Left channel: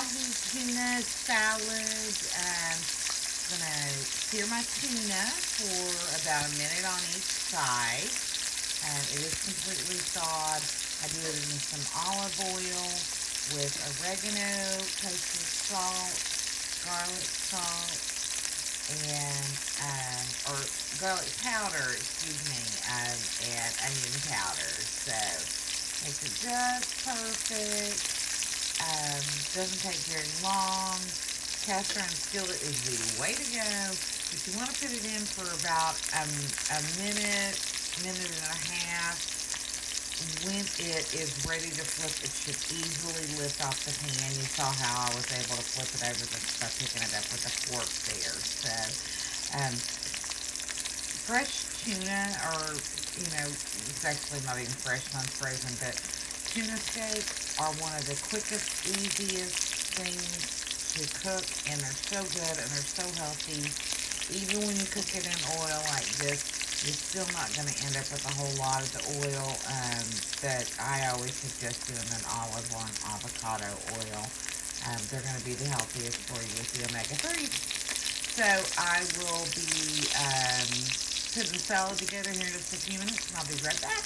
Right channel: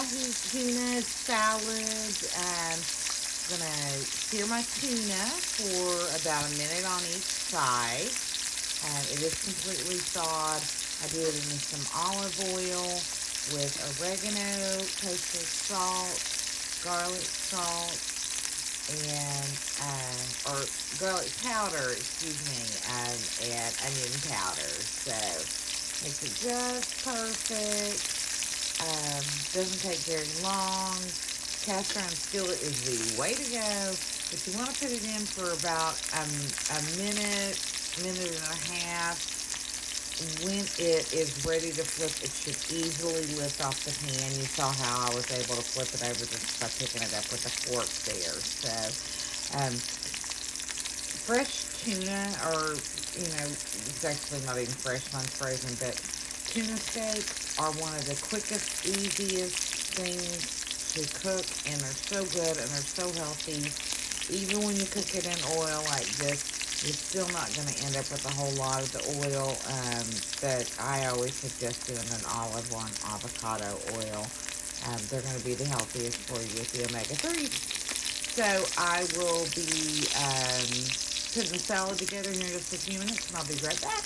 Ahi Tuna salad. Gonna sear my tuna for about a minute on each side. It is completely thawed. I did it in some olive oil with oregano, kosher salt, garlic salt, and or garlic powder, excuse me, and onion powder. So makes it just perfect. Doesn't take very long. Cast iron skillet is the way to go. But you want to put it in for about a minute, minute and a half. When it is ready to flip, it should easily lift off the pan. You saw how I was able to flip it over just by picking it up with a fork there. So, fresh tuna, or, it's actually not even fresh, mine's frozen, but tuna steaks are one of the quickest, easiest things to cook, and they're so good, and they're so healthy. Even when you cook it in oil like this, you're still not going to end up with a whole lot of the oil that I always suggest doing an olive or an avocado oil. They're going to be the healthiest for you with the omega-3. So I will be putting the salad together here in just a few minutes, and I'll be right back.